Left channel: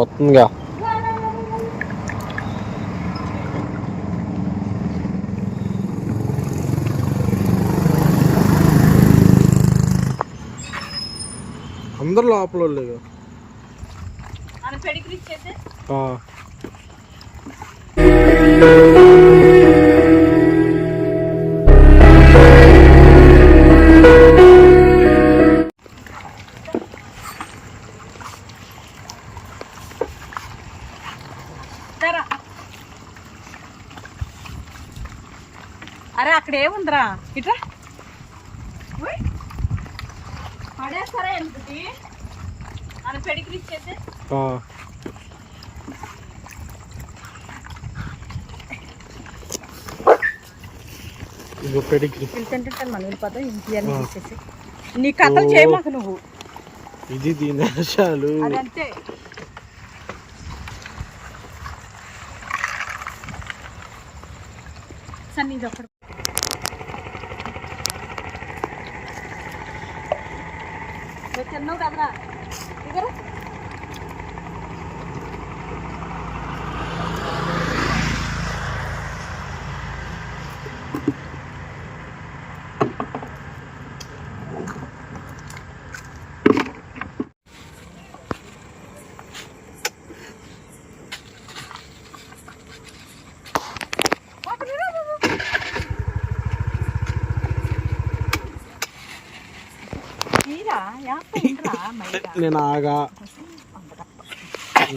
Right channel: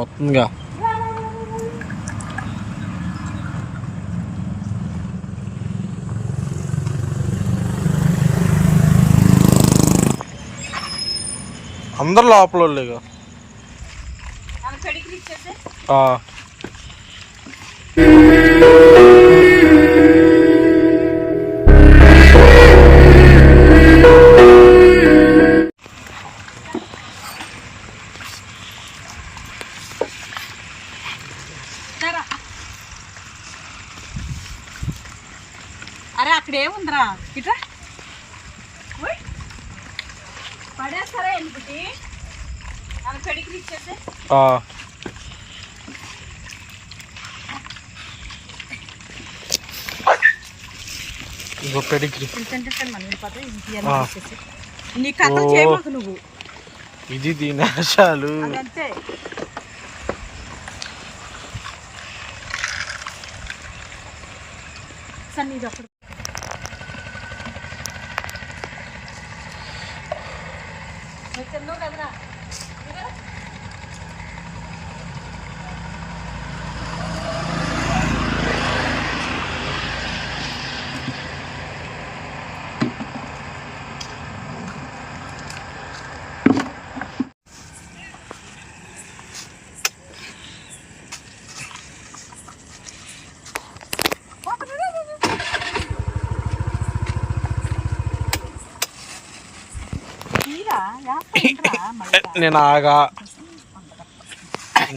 వస్తుందిగా. అందరు లోపల వాళ్ళేగా. అరే అక్కడ ఏముందిరా, ఇట్రా పడేస్తారా ఎందుకు అని పెడిగ్రీ ఇచ్చేసి. నీ కథలు చేయమాకు నువ్వు. ఇది దీనేశాలు అంతే. సరే ఇది ఒకటి తిన్నావు కదరా.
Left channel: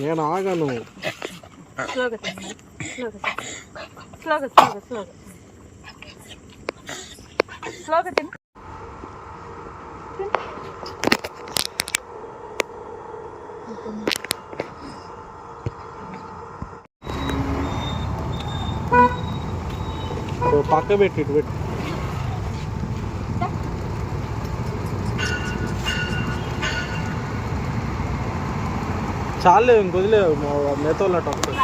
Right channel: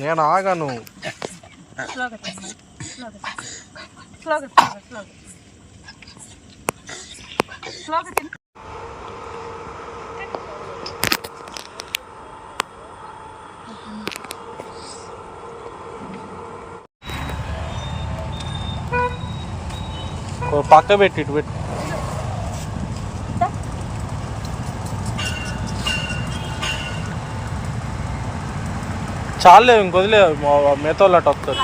నేను ఆగాను. పక్క పెట్టి ఇటు పెట్టి. చాలే ఇంకొదిలే, మిగతా వాళ్ళు అటు వస్తారు.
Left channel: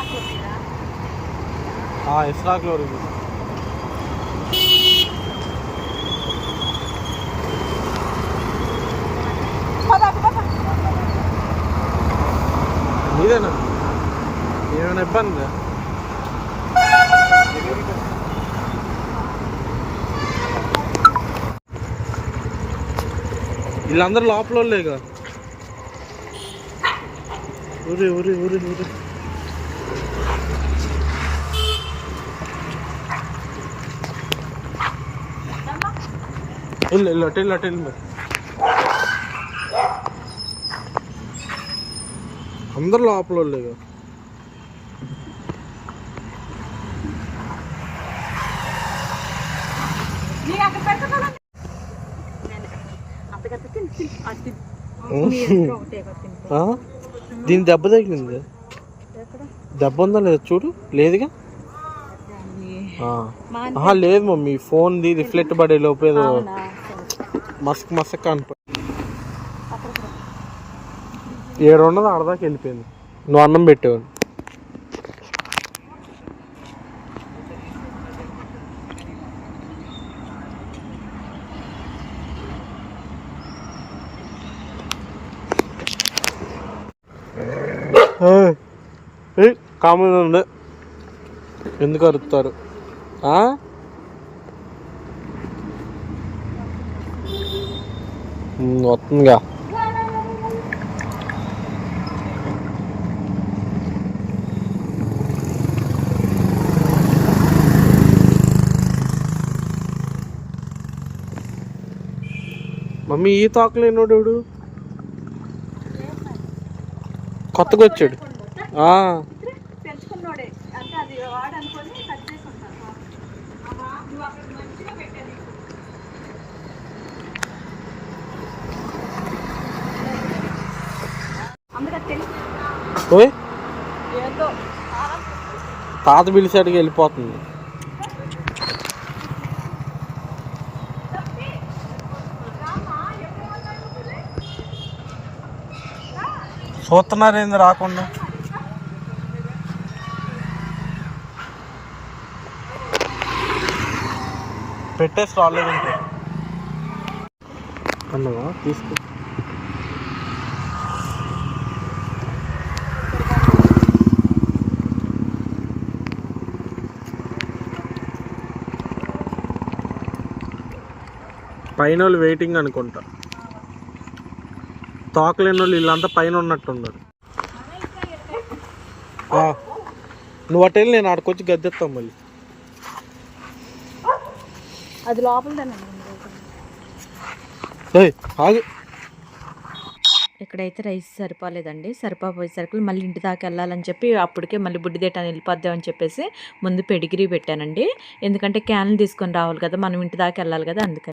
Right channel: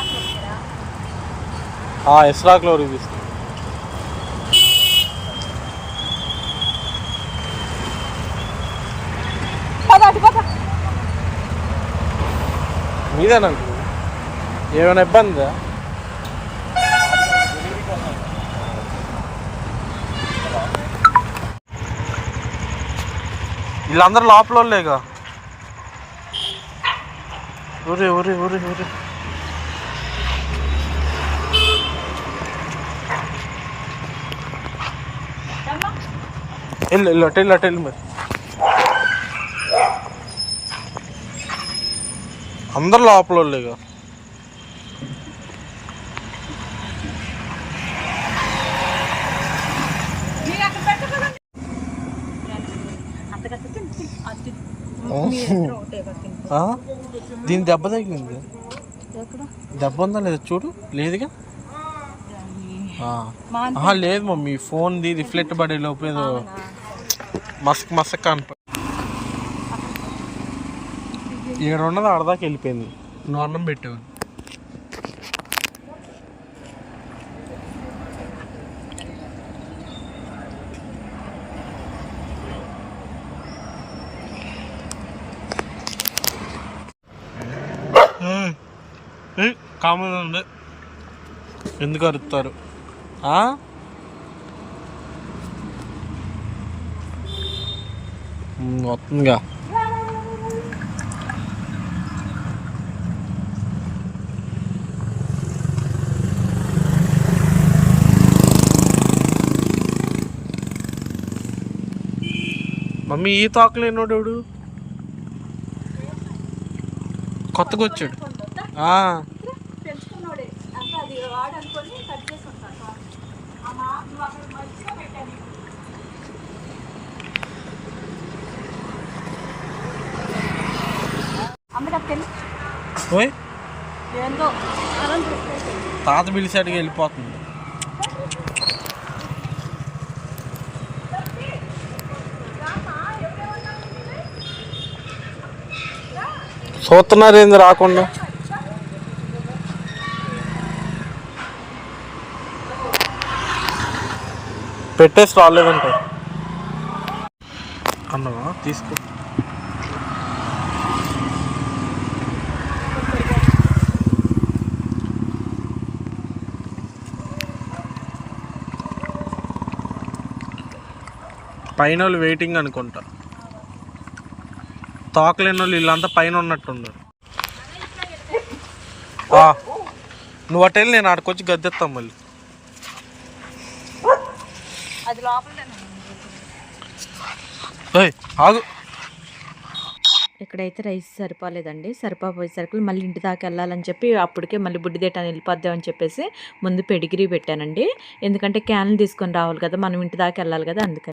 ఇస్రాక్లో రివ్యూస్ మీదేనా? ఏమైనా ఇబ్బందా? వీళ్ళందరూ లోపల వాళ్ళేగా. ఊరి ఊరి ఊరి ఊరి వెళ్ళు అటెళ్ళు మరి. అందరు లోపల వాళ్ళేగా. దీని దెబ్బ తగిలింది. దెబ్బ ఉందా లేదా చూడు. లేదుగా. లేదు మమ్మీ, ఫోన్ది రిఫ్లెక్ట్ పడే లోపు ఏదో మసక్ అనిపో. 700 ఆడదాకా వెళ్ళిపోయింది. నువ్వు అన్నం పెట్టావు. కామన్ ఉండే ఎందుకు అరుస్తారు? వస్తుందిగా. మమ్మీ ఈ తాకలేనోడు కొత్తగా వచ్చాడు. ఓయ్ తాత పిలిచాడుగా వెళ్ళిపోతుంది. చూస్తున్నారు ఏంది రాకుండా. పెట్టేసి రాలేదంట అన్నవా తీసుకో. పైన వాళ్ళు వెయిటింగ్ అనుకుంటా. తోకలేని వాళ్ళు వీళ్ళంతా పైన ఉన్నట్టున్నారు. నువ్వు అటు వెళ్ళి నేను ఆడికొచ్చి గద్దెత్తాం మళ్ళీ. అది లోపల ఆగు. ఇక్కడైతే రైస్ సరిపోలేదండి. సరిపోయేసరికి మళ్ళీ ఇంటి దాకా వెళ్ళాలని చెప్పి అప్పటికే మళ్ళీ బుడ్డి దేటాన్ని వెళ్ళిపోద్దామని చెప్పేసి ముందు పెడిగిరీ పెట్టానండి. ఎందుకంటే క్యాన్లు తీసుకొని రావాలి కదా, మనం ఇంటి దాకా వెళ్ళాలి కదా, అందుకని.